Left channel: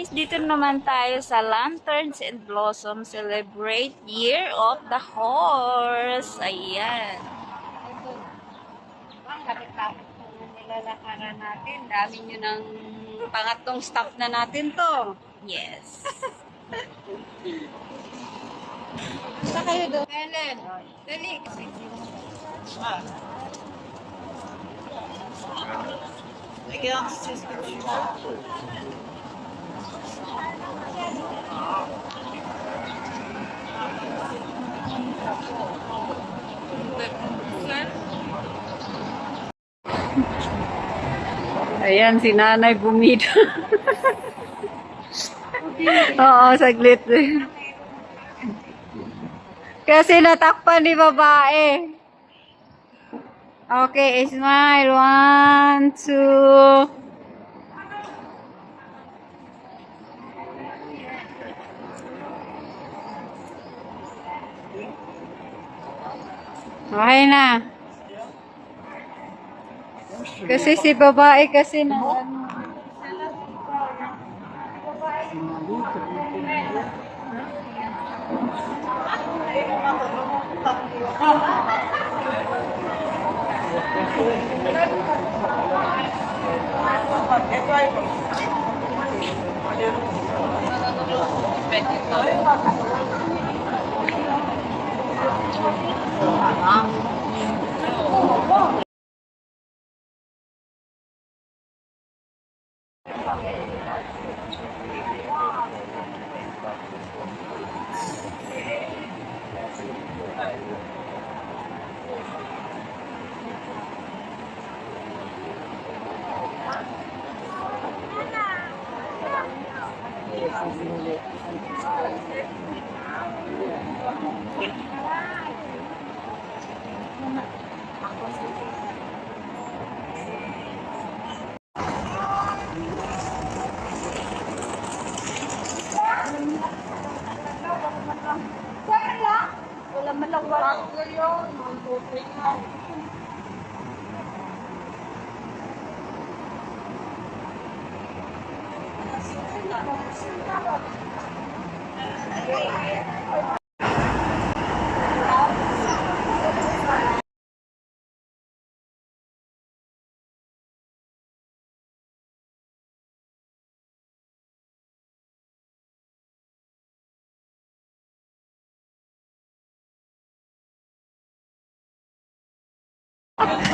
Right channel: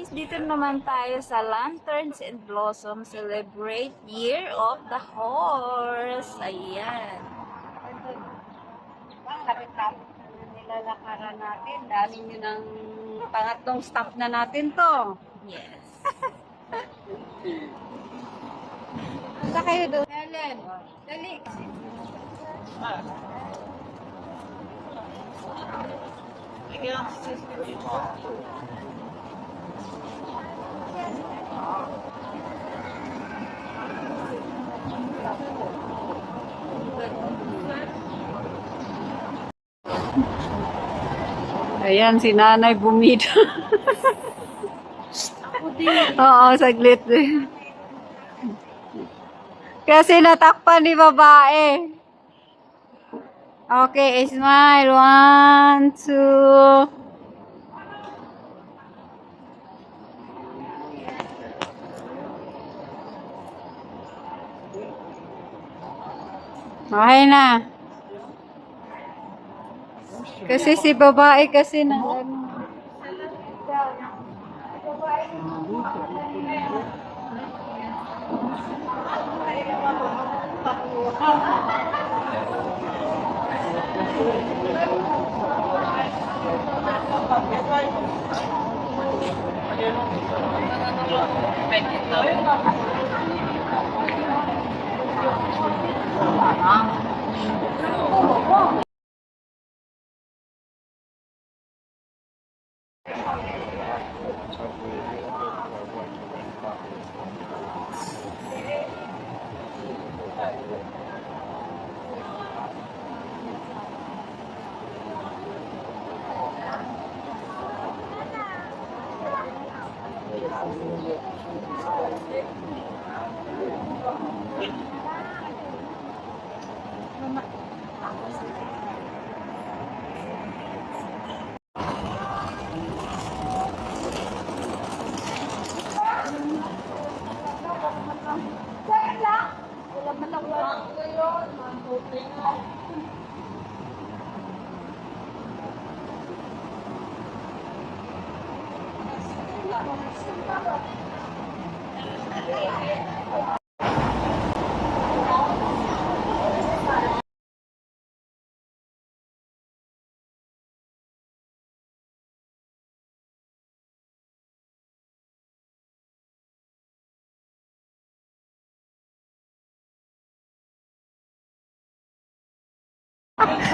guys, dito naman tayo sa Lanterns and Blossom Celebrate Year of the Horse. Ayan. Ito na. Kapit-kapit na nilalakaran natin. Dami nyo ng pangatlong stop na natin to. Yes. Basta kayo doon. Helen, dali. Ayan, si nanay bumida. Oo, saglit. Kasi natakpan ni babae. Okay, smile. 1, 2. Okay na. Kasi si babae kasi na ano.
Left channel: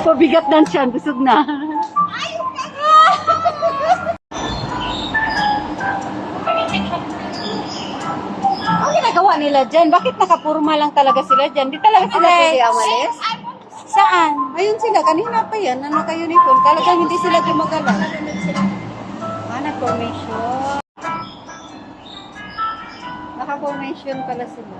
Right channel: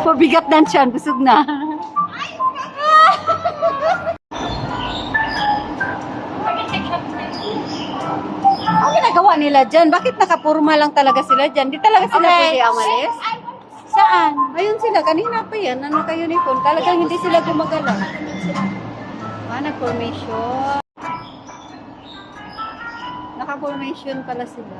Mabigat na siya, busog na. Ano ginagawa nila dyan? Bakit nakapurma lang talaga sila dyan? Di talaga sila pwede amalis? Saan? Ayun sila, kanina pa yan, naka-uniform. Talagang hindi sila gumagalaw. Nag-formation. Naka-formation pala sila.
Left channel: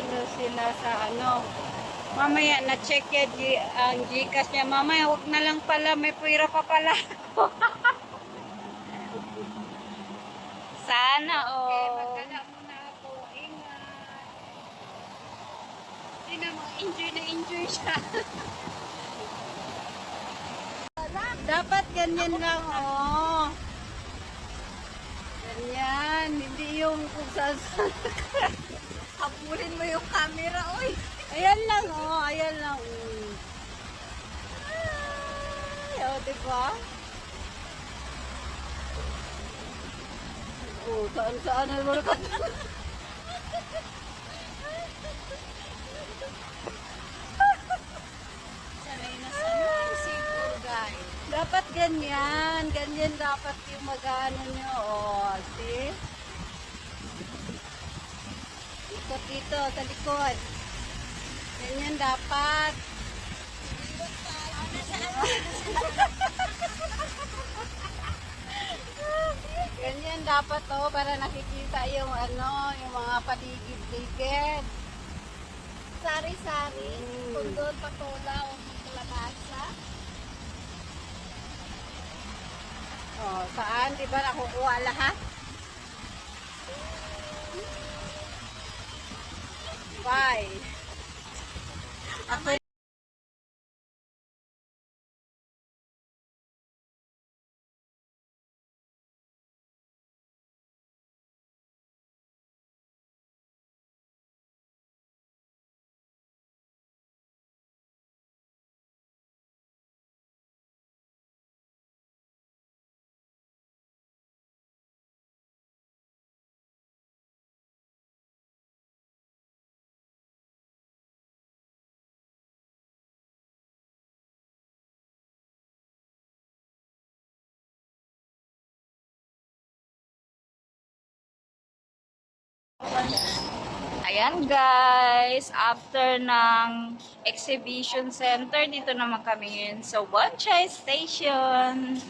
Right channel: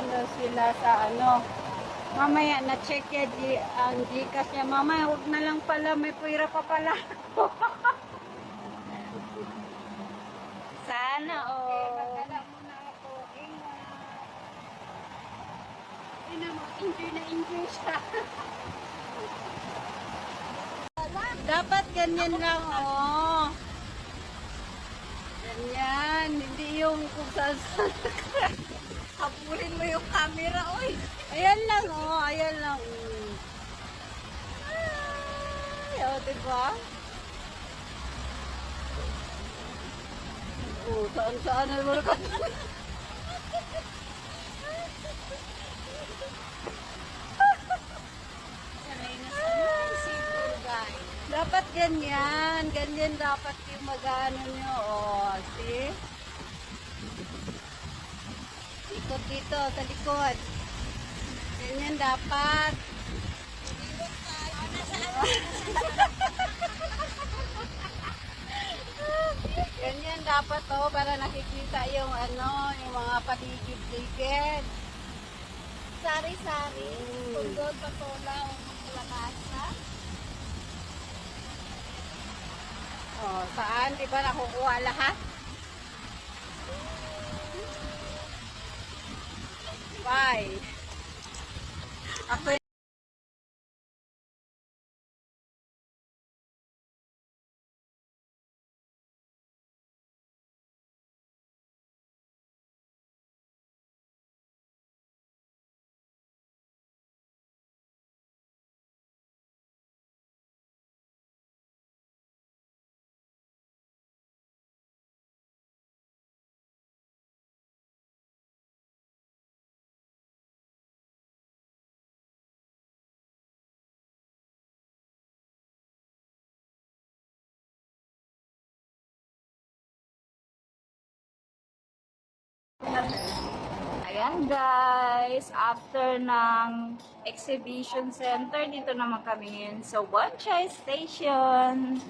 Na sila sa ano, mamaya na-check ang Gcash niya, mamaya huwag na lang pala, may puwira pa pala. Sana Okay, magkala muna ako, ingat. Hindi mo, enjoy na enjoy siya. Dapat ganyan lang, oh. Ganyan, hindi yung kung saan habulin mo yung camera, oy. Ayan lang, oh. Ayan lang. Ay, oh, diba? Oh, saan-saan na mo ka. Dapat ganyan. Ganyan dapat yung mag-ano nyo, oh. See? Ikot dito sa likod. Ganyan dapat. Ganyan dapat para nakikita yung yung mga paligid-ligid. Sari-sari, kundol, patola, o kalabasa. Saan? Diba nakukuha lahat? Bye. Ako Ayan guys, after ng exhibition center, dito naman kami ngayon sa Bonchay Station.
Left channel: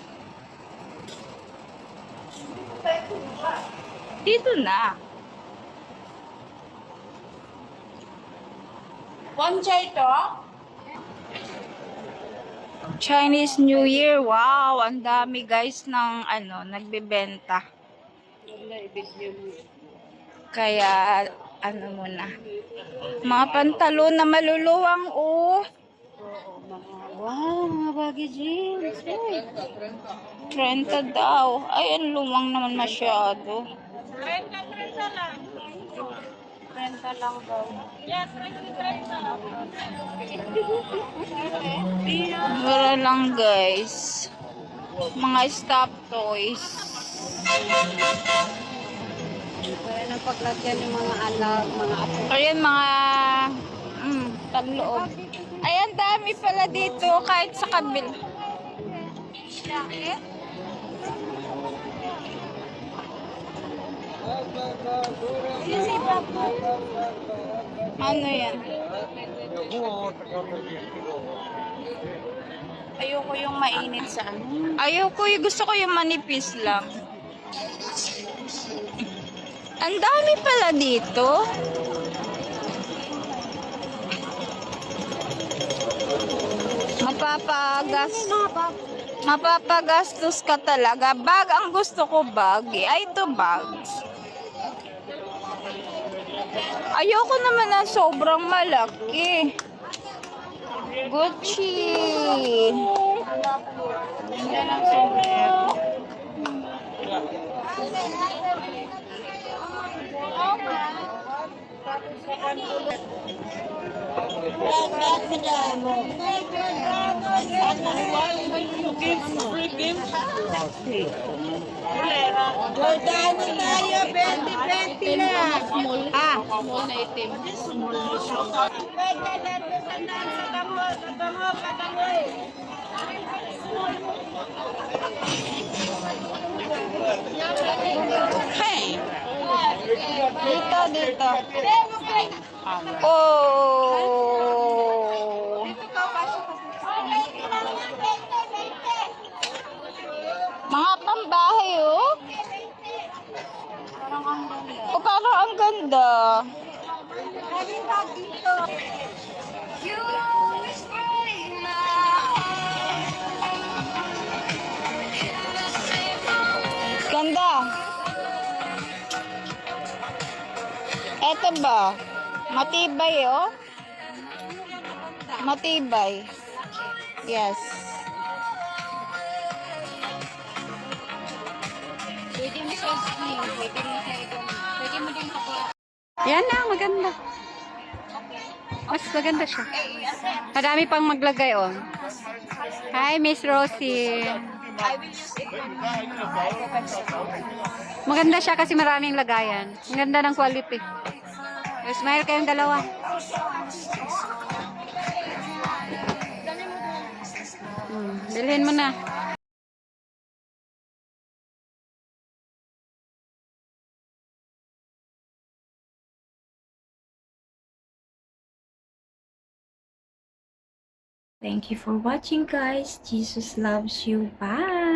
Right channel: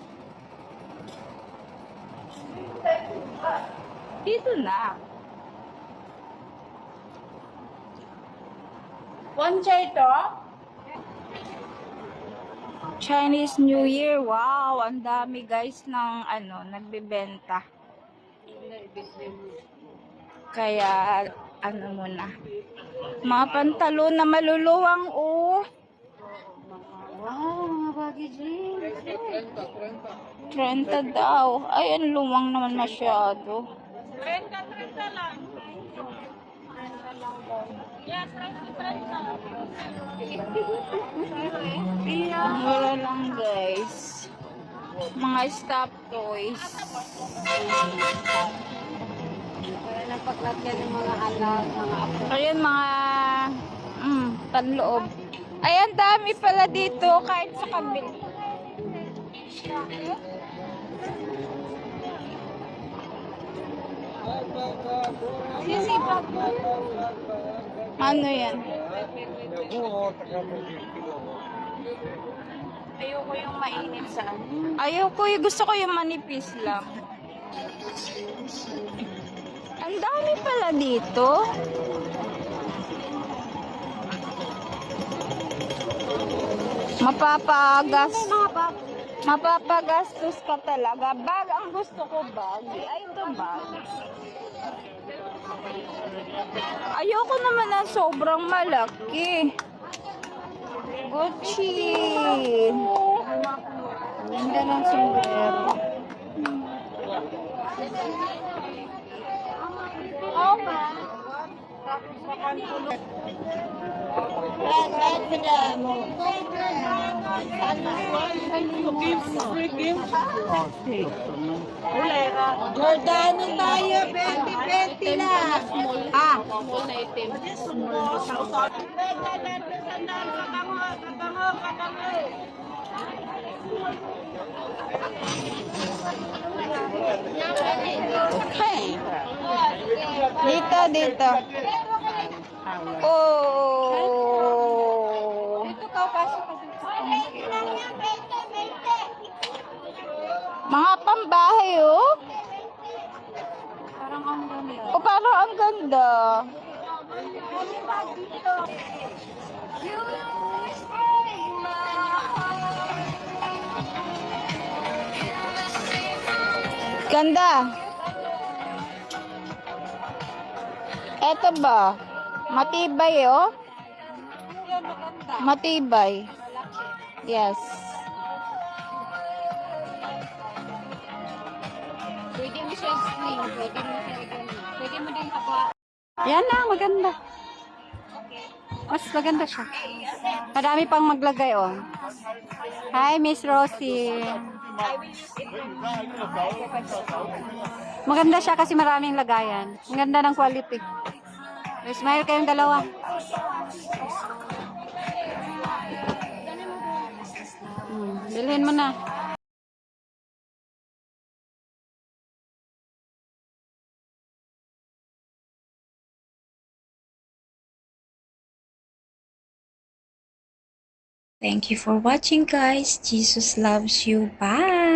Dito na. Bonchay to? Chinese New Year. Wow, ang dami guys ng nagbebenta. Kaya muna. Mga pantalon na maluluwang wow, mga baggy jeans. 30 daw. Ay, ang luwang naman masyado. 30 lang. 30 lang daw. Yes, 30. Mura lang guys. Mga stop toys. Paglagyan ng mga anak, mga apo. Ayan mga panloob. Ayan, dami pala dito kahit sa kabil. Ano yan? Ayoko yung mainit sa Ayoko, gusto ko yung manipis lang. Ang dami pala dito. Mapapagastos ka talaga. Bag ang gusto ko, bag. Ay, ito bag. Ayoko naman na sobrang malaki. Gucci. Ganda ng sombrero. Gordano tayo, 20-20 na. Small na itim. Small na siya. Dito. Oh. Mga pambahay, parang ang ganda. Ganda. Eto ba? Matibay, Matibay. Yes. Yan na, maganda. Mas maganda siya. Madami pang maglagay, Hi, Miss Rosie. Maganda siya kasi maraming lagayan. Ang ganda ng quality. Smile kayong dalawa. Bilhin mo na. Thank you for watching, guys. Jesus loves you. Bye!